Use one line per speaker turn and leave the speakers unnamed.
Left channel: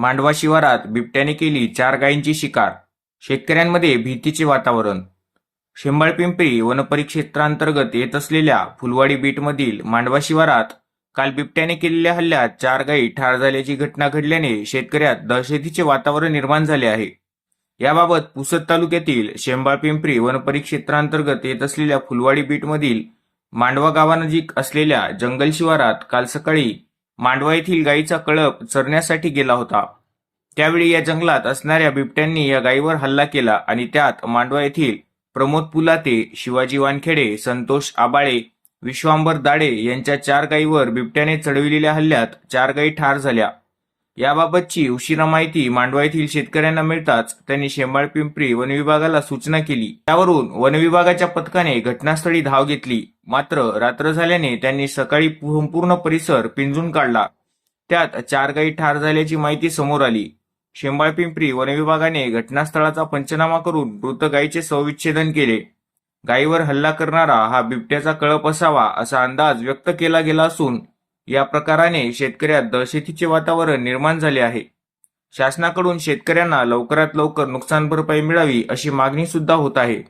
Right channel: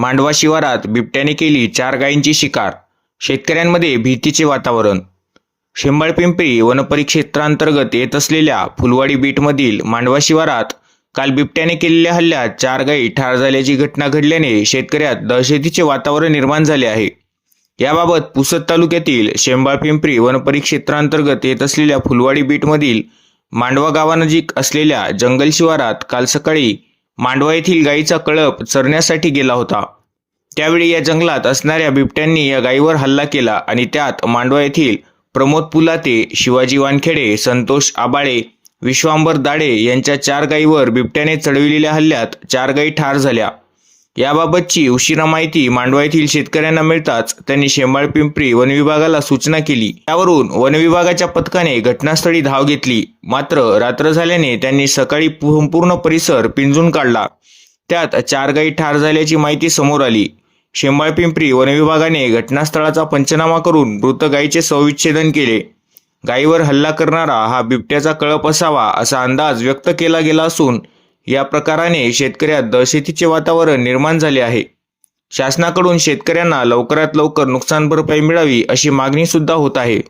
मांडवा शिवारात बिबट्याने केली चार गायींची शिकार. शेतकऱ्यांमध्ये भीतीचे वातावरण. शेंबाळपिंपरी वनपरिक्षेत्रांतर्गत येत असलेल्या फुलवाडी बीटमधील मांडवा शिवारात काल बिबट्याने केलेल्या हल्ल्यात चार गायी ठार झाल्याची घटना घडल्याने शेतकऱ्यात दहशतीचे वातावरण निर्माण झाले आहे. याबाबत पुसद तालुक्यातील शेंबाळपिंपरी वनपरिक्षेत्रांतर्गत येत असलेल्या फुलवाडी बीटमधील मांडवा गावानजीक असलेल्या जंगल शिवारात काल सकाळी मांडवा येथील गायीचा कळप चरण्यासाठी गेला होता. त्यावेळी या जंगलात असणाऱ्या बिबट्यांनी या गायीवर हल्ला केला आणि त्यात मांडवा येथील प्रमोद पुलाते शिवाजी वानखेडे संतोष आबाळे विश्वांबर दाडे यांच्या चार गायीवर बिबट्याने चढविलेल्या हल्ल्यात चार गायी ठार झाल्या. याबाबतची उशिरा माहिती मांडवा येथील शेतकऱ्यांना मिळताच त्यांनी शेंबाळ पिंपरी वन विभागाला सूचना केली. त्यावरून वन विभागाच्या पथकाने घटनास्थळी धाव घेतली. मात्र रात्र झाल्याने त्यांनी सकाळी संपूर्ण परिसर पिंजून काढला. त्यात चार गायी ठार झाल्याची माहिती समोर आली. शेंबाळ पिंपरी वनविभागाने घटनास्थळाचा पंचनामा करून मृत गायीचे सविच्छेदन केले. गायीवर हल्ला करणारा हा बिबट्याचा कळप असावा असा अंदाज व्यक्त केला गेला असून या प्रकाराने शेतकऱ्यात दहशतीचे वातावरण निर्माण झाले आहे. शासनाकडून शेतकऱ्यांना लवकरात लवकर नुकसान भरपाई मिळावी अशी मागणी सुद्धा होत आहे.